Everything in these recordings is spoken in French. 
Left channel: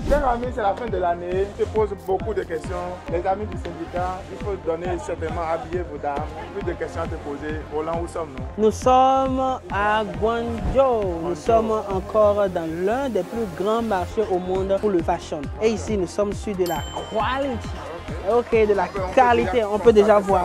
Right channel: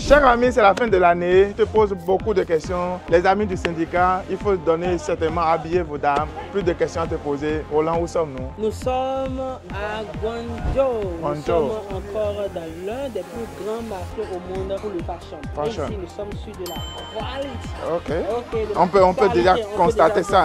Cher ami, c'est la fin de l'année. Je te pose beaucoup de questions. Les amis du syndicat, il faut donner certainement habiller vos dames. Plus de questions à te poser. Roland, où sommes-nous? Nous sommes à Guangzhou. Nous sommes encore dans l'un des plus grands marchés au monde pour le fashion. Et ici, nous sommes sur de la qualité. Ok. De la on peut déjà constater ça.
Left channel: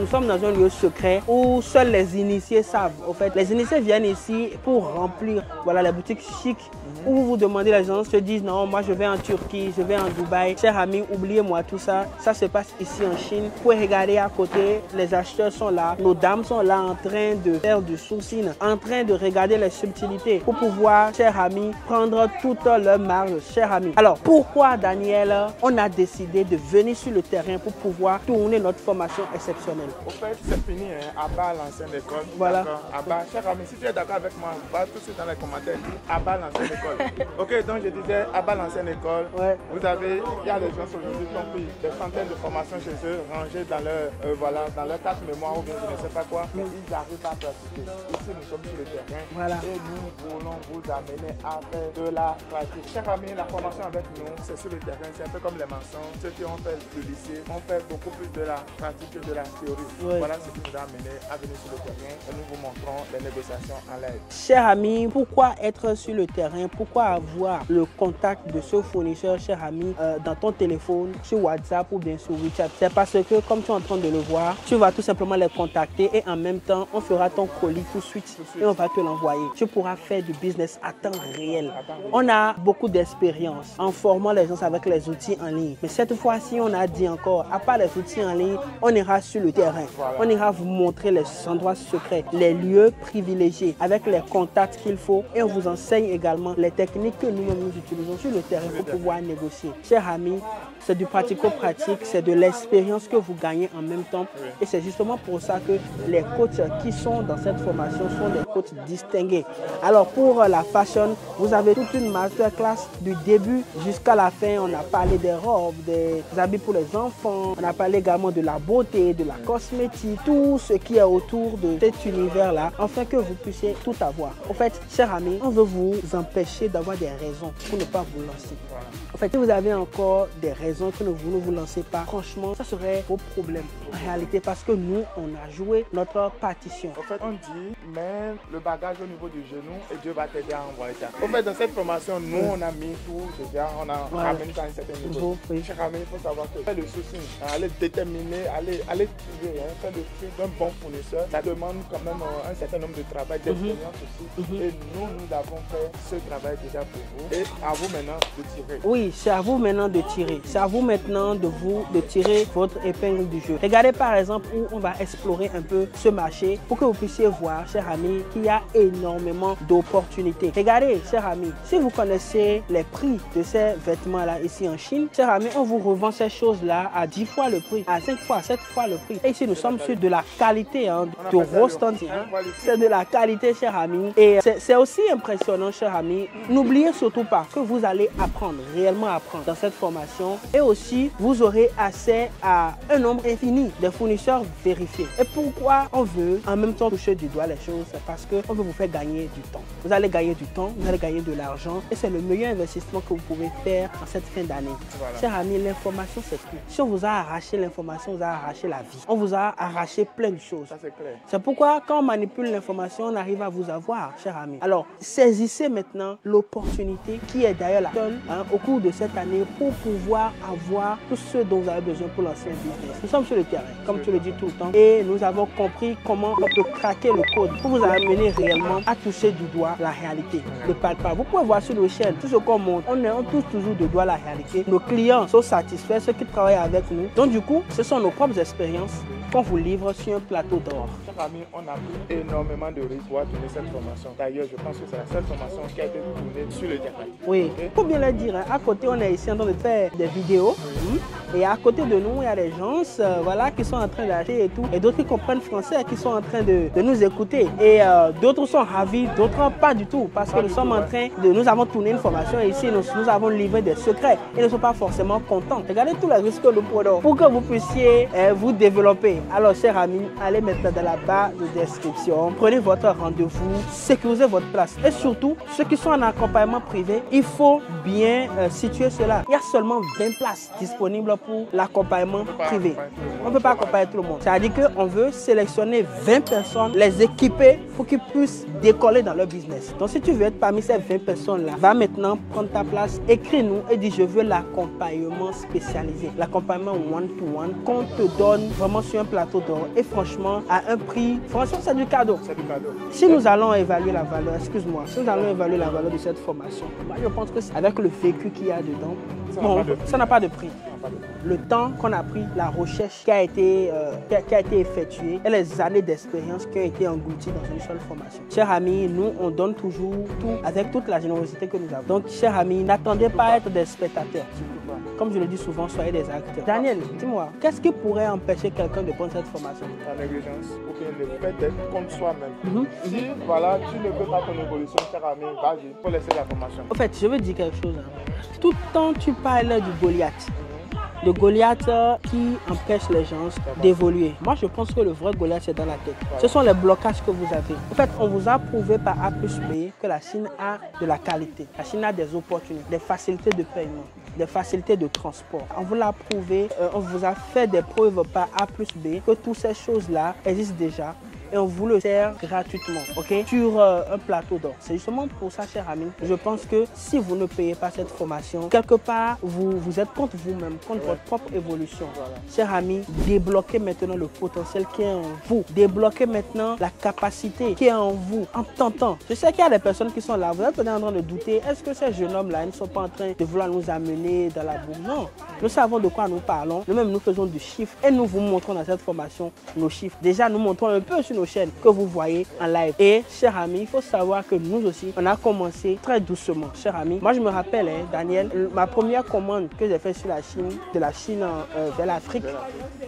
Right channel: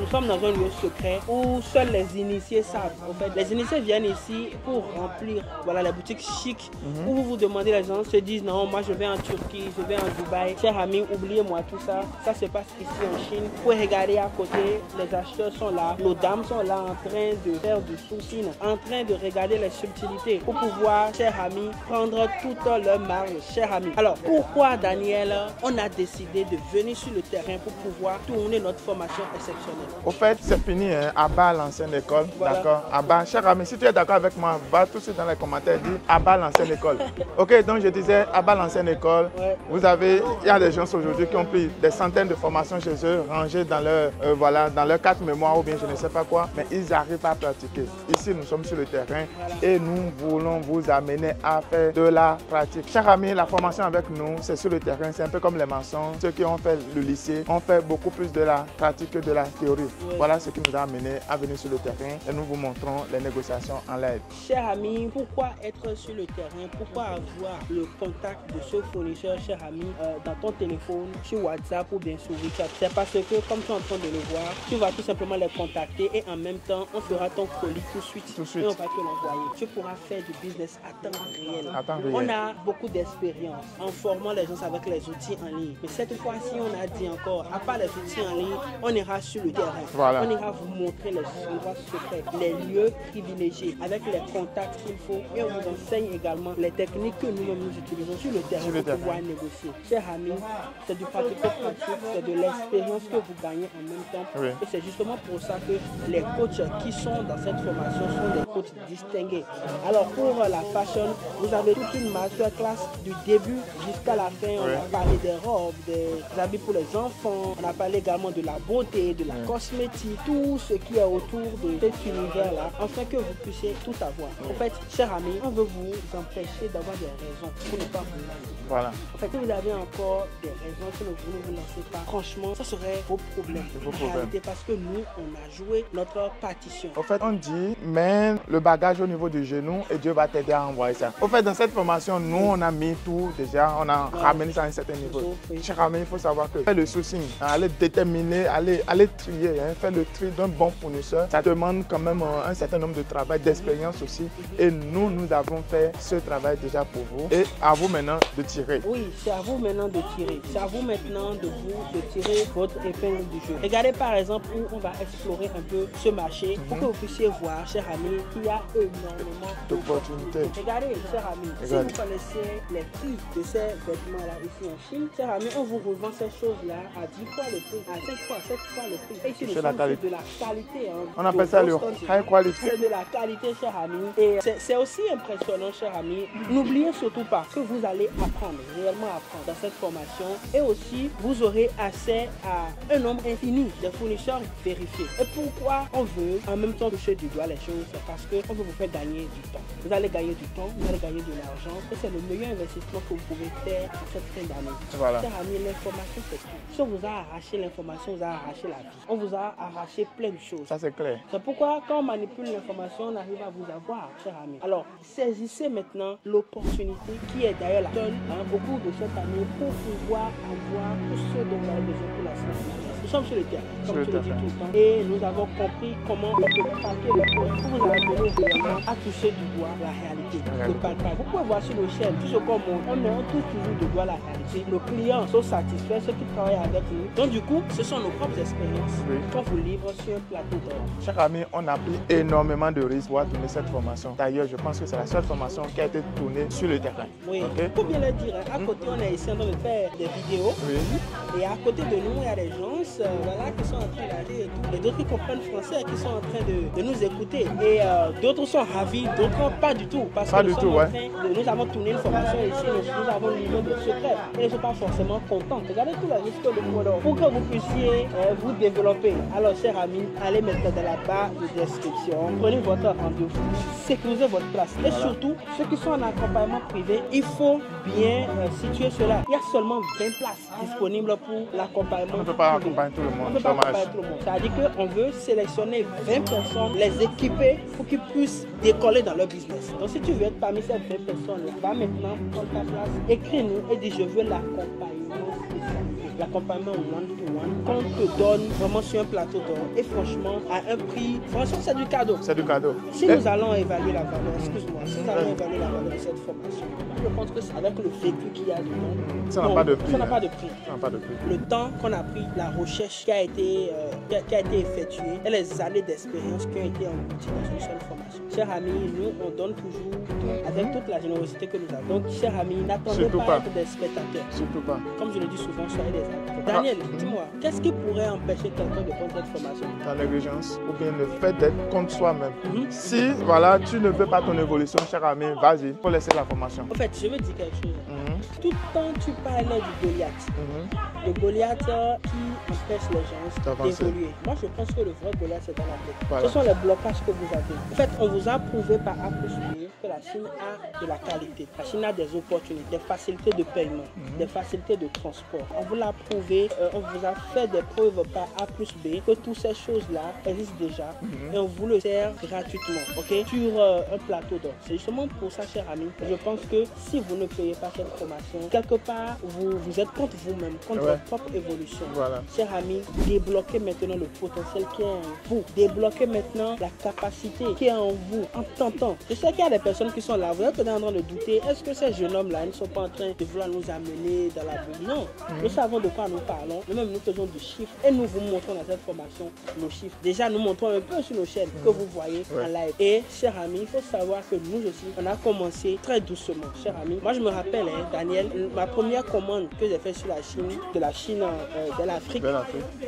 Nous sommes dans un lieu secret où seuls les initiés savent. En fait, les initiés viennent ici pour remplir les boutiques chics où vous demandez, les gens se disent non, moi je vais en Turquie, je vais en Dubaï. Chers amis, oubliez-moi tout ça. Ça se passe ici en Chine. Vous pouvez regarder à côté, les acheteurs sont là. Nos dames sont là en train de faire du sourcing, en train de regarder les subtilités pour pouvoir, chers amis, prendre toute leur marge, chers amis. Alors, pourquoi, Daniel, on a décidé de venir sur le terrain pour pouvoir tourner notre formation exceptionnelle? Au fait, c'est fini, hein, à bas l'ancienne école. Voilà. D'accord. À bas, cher ami, si tu es d'accord avec moi, va tout de suite dans les commentaires, dis à bas l'ancienne école. Ok, donc je disais à bas l'ancienne école. Ouais. Il y a des gens aujourd'hui qui ont pris des centaines de formations chez eux, rangées dans leur, dans leur carte mémoire ou bien je ne sais pas quoi, mais ils arrivent à pratiquer. Ici, nous sommes sur le terrain et nous voulons vous amener à faire de la pratique. Chers amis, la formation avec nous, c'est sur le terrain, c'est un peu comme les maçons. Ceux qui ont fait le lycée ont fait beaucoup plus de la pratique que de la théorie. Ouais. Voilà ce qui nous a amené à venir sur le terrain et nous vous montrons les négociations en live. Chers amis, pourquoi être sur le terrain? Pourquoi avoir le contact de ce fournisseur, chers amis, dans ton téléphone, sur WhatsApp ou bien sur WeChat? C'est parce que, comme tu es en train de le voir, tu vas tout simplement les contacter et en même temps, on fera ton colis tout de suite et on va te l'envoyer. Tu pourras faire du business à temps réel. On a beaucoup d'expérience en formant les gens avec les outils en ligne. Mais cette fois-ci, on a dit encore, à part les outils en ligne, on ira sur le terrain. Voilà. On ira vous montrer les endroits secrets, les lieux privilégiés, avec les contacts qu'il faut. Et on vous enseigne également les techniques que nous utilisons sur le terrain pour pouvoir négocier. Chers amis, c'est du pratico-pratique, c'est de l'expérience que vous gagnez en même temps. Oui. Et c'est justement pour ça que les coachs qui sont dans cette formation sont des coachs distingués. Alors pour la fashion, vous avez toute une masterclass du début jusqu'à la fin. On a parlé des robes, des habits pour les enfants. On a parlé également de la beauté, de la cosmétique, tout ce qui est autour de cet univers-là, afin que vous puissiez tout avoir. En fait, chers amis, on veut vous empêcher d'avoir des raisons pour ne pas vous lancer. Voilà. En fait, si vous avez encore des raisons que vous ne vous lancez pas, franchement, ça serait vos problèmes en réalité, parce que nous, on a joué notre partition. En fait, on dit, mets le bagage au niveau du genou et Dieu va t'aider à envoyer ça. En fait, dans cette formation, nous, on a mis tout déjà, on a ramené ça à un certain niveau. Cher ami, il faut savoir que faire le sourcing, aller déterminer, aller trier, faire le tri d'un bon fournisseur, ça demande quand même un certain nombre de travail, d'expérience aussi. Et nous avons fait ce travail déjà pour vous. Et à vous maintenant de tirer. Oui, c'est à vous maintenant de tirer. C'est à vous maintenant de tirer votre épingle du jeu. Regardez par exemple où on va explorer un peu ce marché pour que vous puissiez voir, chers amis, qu'il y a énormément d'opportunités. Regardez, chers amis, si vous connaissez les prix de ces vêtements-là ici en Chine, chers amis, on vous revend ces choses-là à 10 fois le prix, à 5 fois, 7 fois le prix. Et ici, nous sommes sur de la qualité, hein, on appelle ça c'est de la qualité, chers amis. Et c'est aussi impressionnant, chers amis. N'oubliez surtout pas que vous allez apprendre, réellement apprendre dans cette formation. Et aussi, vous aurez accès à un nombre infini de fournisseurs vérifiés. Et pourquoi on veut en même temps toucher du doigt les choses? C'est parce qu'on veut vous faire gagner du temps. Vous allez gagner du temps, vous allez gagner de l'argent. Et c'est le meilleur investissement que vous pouvez faire en cette fin d'année. Voilà. Chers amis, l'information, c'est tout. Si on vous a arraché l'information, on vous a arraché la vie. On vous a arraché plein de choses. Ça, c'est clair. C'est pourquoi, quand on manipule l'information, on arrive à vous avoir, chers amis. Alors, saisissez maintenant l'opportunité qui est derrière la gueule au cours de cette année pour pouvoir avoir tout ce dont vous avez besoin pour lancer un. Nous sommes sur le terrain, comme tu le dis tout le temps, et nous avons compris comment on peut craquer le code pour vous amener réellement à toucher du doigt la réalité. Ne parle pas. Vous pouvez voir sur le chaîne, tout ce qu'on montre, on touche toujours du doigt la réalité. Nos clients sont satisfaits, ceux qui travaillent avec nous. Donc du coup, ce sont nos propres expériences qu'on vous livre sur un plateau d'or. Chers amis, on a pris énormément de risques pour tourner cette formation. D'ailleurs, je pense que c'est la seule formation qui a été tournée sur le terrain. Oui, faut bien le dire, à côté, on est ici en train de faire des vidéos. Et à côté de nous, il y a des gens qui sont en train d'acheter et tout. Et d'autres qui comprennent français, qui sont en train de nous écouter. Et d'autres sont ravis, d'autres pas du tout. Parce que nous sommes en train nous avons tourné une formation ici, nous avons livré des secrets. Ils ne sont pas forcément contents. Regardez tous les risques que nous prenons pour que vous puissiez vous développer. Alors, chers amis, allez maintenant dans la barre de description. Prenez votre rendez-vous, sécurisez votre place. Et surtout, ceux qui sont en accompagnement privé, il faut bien situer cela. Il y a seulement 20 places disponibles pour l'accompagnement privé. On ne peut pas accompagner tout le monde. C'est-à-dire qu'on veut sélectionner 20 personnes, les équiper pour qu'ils puissent décoller dans leur business. Donc si tu veux être parmi ces 20 personnes-là, va maintenant prendre ta place, écris-nous et dis je veux l'accompagnement spécialisé, l'accompagnement one-to-one qu'on te donne vraiment sur un plateau d'or et franchement à un prix, franchement c'est du cadeau. C'est du cadeau. Si nous allons évaluer la valeur, excuse-moi, si nous allons évaluer la valeur de cette formation, je pense que avec le vécu qu'il y a dedans, ça n'a pas de prix. Ça n'a pas de prix. Pas de prix. Le temps qu'on a pris, la recherche qui a été effectuée et les années d'expérience qui ont été englouties dans une seule formation. Chers amis, nous on donne toujours tout avec toute la générosité que nous avons. Donc, chers amis, n'attendez pas à être des spectateurs. Surtout pas. Comme je le dis souvent, soyez des acteurs. Daniel, dis-moi, qu'est-ce qui pourrait empêcher quelqu'un de prendre cette formation? La négligence ou bien le fait d'être contre soi-même. Si voilà, tu ne veux pas ton évolution, cher ami, vas-y, il faut laisser la formation. En fait, je veux dire quelque chose. Tout le temps, tu parles du Goliath. Le Goliath qui empêche les gens d'évoluer. Moi, je pense que le vrai Goliath, c'est dans la tête. Voilà. Ce sont les blocages que vous avez. En fait, on vous a prouvé par A plus B que la Chine a de la qualité. La Chine a des opportunités, des facilités de paiement, des facilités de transport. On vous l'a prouvé, on vous a fait des preuves par A plus B que toutes ces choses-là existent déjà et on vous le sert gratuitement, ok, sur un plateau d'or. C'est justement pour ça, chers amis, je pense que si vous ne payez pas cette formation, quelque part, vous êtes contre vous-même, contre votre propre évolution. Voilà. Chers amis, débloquez maintenant le potentiel qui est en vous. Débloquez maintenant la capacité qui est en vous en tentant. Je sais qu'il y a des personnes qui sont là, vous êtes peut-être en train de douter, est-ce que ces jeunes hommes-là ne sont pas en train de vouloir nous amener dans la vie? Non. Nous savons de quoi nous parlons. Nous-mêmes, nous faisons du chiffre et nous vous montrons dans cette formation nos chiffres. Déjà, nous montrons un peu sur nos chaînes que vous voyez en live. Et, chers amis, il faut savoir que nous aussi, on a commencé très doucement. Chers amis, moi je me rappelle, Daniel, ma première commande que j'ai faite sur la Chine, de la Chine de l'Afrique,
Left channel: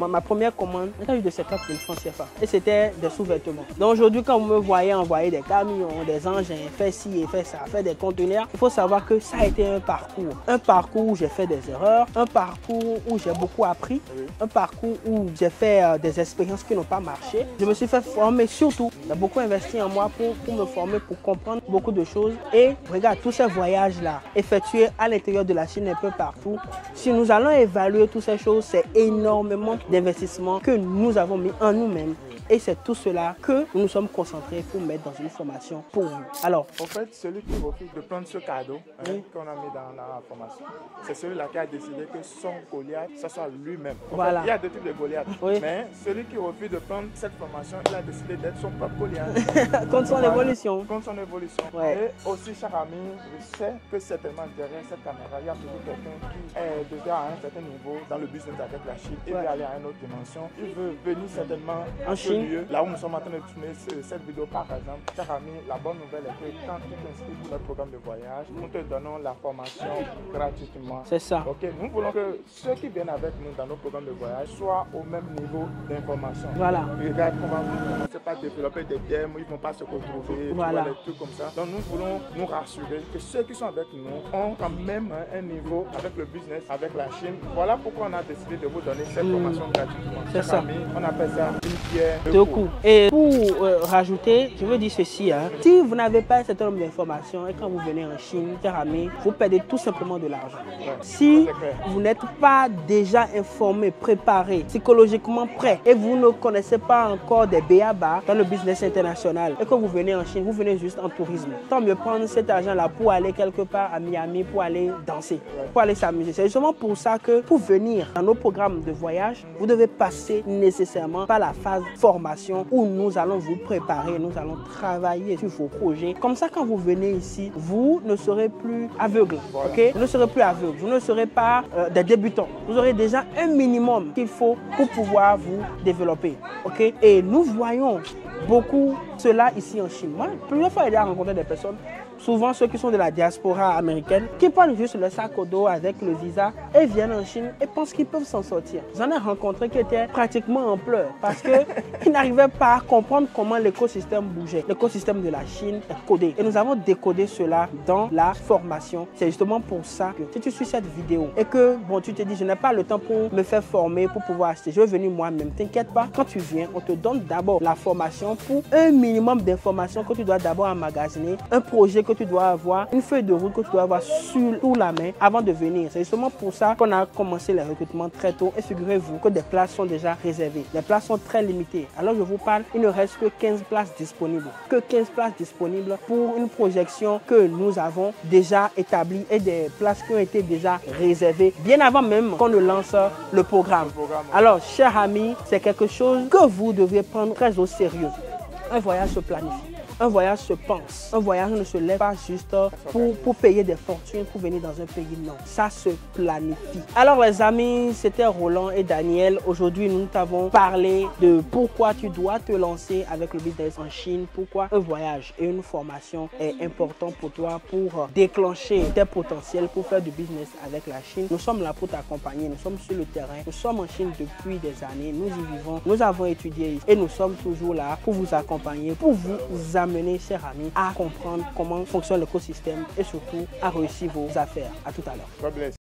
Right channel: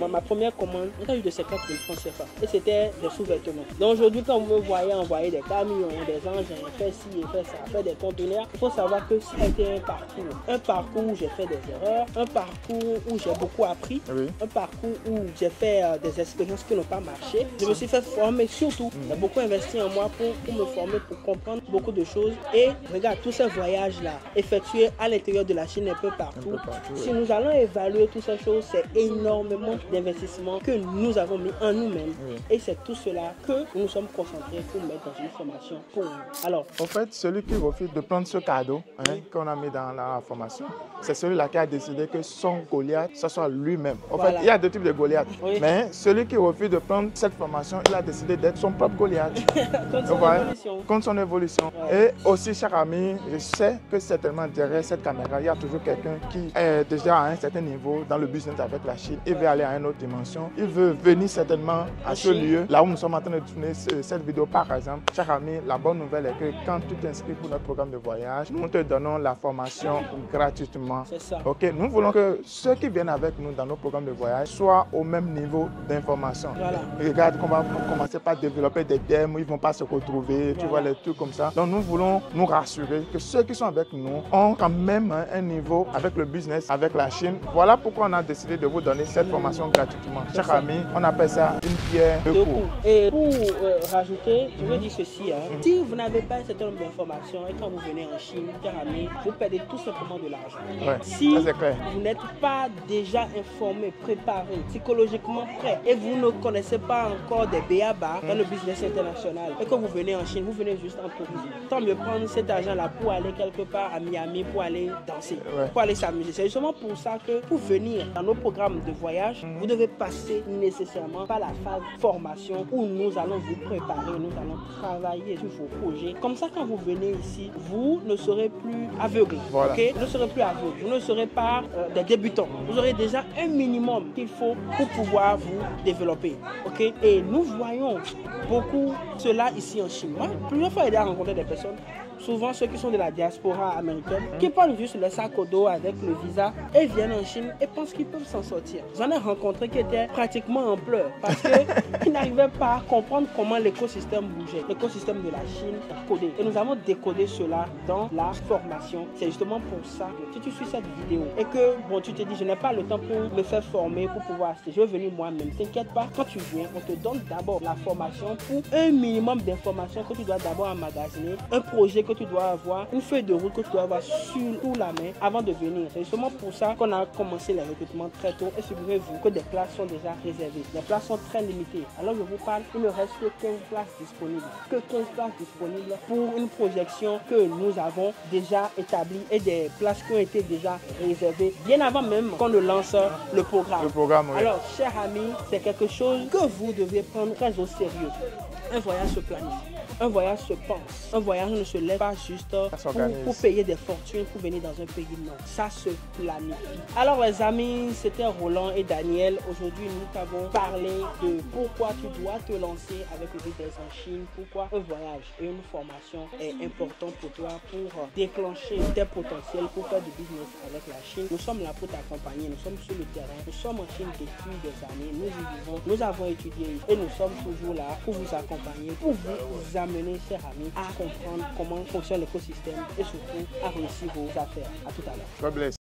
ma première commande, j'ai eu de 50 000 francs CFA. Et c'était des sous-vêtements. Donc aujourd'hui, quand vous me voyez envoyer des camions, des engins, faire ci et faire ça, faire des conteneurs, il faut savoir que ça a été un parcours. Un parcours où j'ai fait des erreurs, un parcours où j'ai beaucoup appris, un parcours où j'ai fait des expériences qui n'ont pas marché. Je me suis fait former surtout. J'ai beaucoup investi en moi pour me former, pour comprendre beaucoup de choses. Et regarde, tous ces voyages-là, effectués à l'intérieur de la Chine un peu partout, si nous allons évaluer toutes ces choses, c'est énormément d'investissements que nous avons mis en nous-mêmes. Et c'est tout cela que nous nous sommes concentrés pour mettre dans une formation pour nous. Alors, en fait, celui qui refuse de prendre ce cadeau qu'on a mis dans la formation, c'est celui-là qui a décidé que son Goliath, ce soit lui-même. En fait, il y a deux types de Goliath. Mais celui qui refuse de prendre cette formation, il a décidé d'être son propre Goliath. Contre son évolution. Contre son évolution. Et aussi, cher ami, je sais que certainement derrière cette caméra, il y a toujours quelqu'un qui est déjà à un certain niveau dans le business avec la Chine. Il veut aller à une autre dimension. Il veut venir certainement à ce lieu, là où nous sommes en train de tourner cette vidéo, par exemple. Cher ami, la bonne nouvelle est que quand tu t'inscris pour notre programme de voyage, nous te donnons la formation gratuitement. C'est ça. Ok, nous voulons que ceux qui viennent avec nous dans nos programmes de voyage soient au même niveau d'information. Voilà. Regarde qu'on va commencer par développer des thèmes où ils ne vont pas se retrouver, tu vois, les trucs comme ça. Donc nous voulons nous rassurer que ceux qui sont avec nous ont quand même un niveau avec le business, avec la Chine. Voilà pourquoi on a décidé de vous donner cette formation gratuitement. Chers amis, on appelle ça une pierre deux coups. Et pour rajouter, je veux dire ceci, si vous n'avez pas cet nombre d'informations et quand vous venez en Chine, chers amis, vous perdez tout simplement de l'argent. Si vous n'êtes pas déjà informé, préparé, psychologiquement prêt et vous ne connaissez pas encore des b.a.-ba dans le business international et que vous venez en Chine, vous venez juste en tourisme. Tant mieux prendre cet argent-là pour aller quelque part à Miami, pour aller danser, pour aller s'amuser. C'est justement pour ça que pour venir dans nos programmes de voyage, vous devez passer nécessairement par la phase formation où nous allons vous préparer, nous allons travailler sur vos projets. Comme ça, quand vous venez ici, vous ne serez plus aveugle. Okay? Vous ne serez plus aveugle. Vous ne serez pas des débutants. Vous aurez déjà un minimum qu'il faut pour pouvoir vous développer. Okay? Et nous voyons beaucoup cela ici en Chine. Moi, plusieurs fois, j'ai rencontré des personnes, souvent ceux qui sont de la diaspora américaine, qui prennent juste le sac au dos avec le visa et viennent en Chine et pensent qu'ils peuvent s'en sortir. J'en ai rencontré qui étaient pratiquement en pleurs parce qu'ils n'arrivaient pas à comprendre comment l'écosystème bougeait. L'écosystème de la Chine est codé. Et nous avons décodé cela dans la formation. C'est justement pour ça que si tu suis cette vidéo et que bon, tu te dis je n'ai pas le temps pour me faire former, pour pouvoir acheter, je vais venir moi-même. T'inquiète pas, quand tu viens, on te donne d'abord la formation pour un minimum d'informations que tu dois d'abord emmagasiner, un projet que que tu dois avoir une feuille de route que tu dois avoir sous la main avant de venir. C'est justement pour ça qu'on a commencé le recrutement très tôt et figurez-vous que des places sont déjà réservées. Les places sont très limitées. Alors je vous parle, il ne reste que 15 places disponibles. Que 15 places disponibles pour une projection que nous avons déjà établie et des places qui ont été déjà réservées bien avant même qu'on ne lance le programme. Oui. Alors, chers amis, c'est quelque chose que vous devez prendre très au sérieux. Un voyage se planifie. Un voyage se pense. Un voyage ne se lève pas juste pour payer des fortunes, pour venir dans un pays. Non, ça se planifie. Alors les amis, c'était Roland et Daniel. Aujourd'hui, nous t'avons parlé de pourquoi tu dois te lancer avec le business en Chine. Pourquoi un voyage et une formation est important pour toi pour déclencher tes potentiels pour faire du business avec la Chine. Nous sommes là pour t'accompagner. Nous sommes sur le terrain. Nous sommes en Chine depuis des années. Nous y vivons. Nous avons étudié et nous sommes toujours là pour vous accompagner, pour vous amener, chers amis, à comprendre comment fonctionne l'écosystème et surtout à réussir vos affaires. À tout à l'heure. God bless.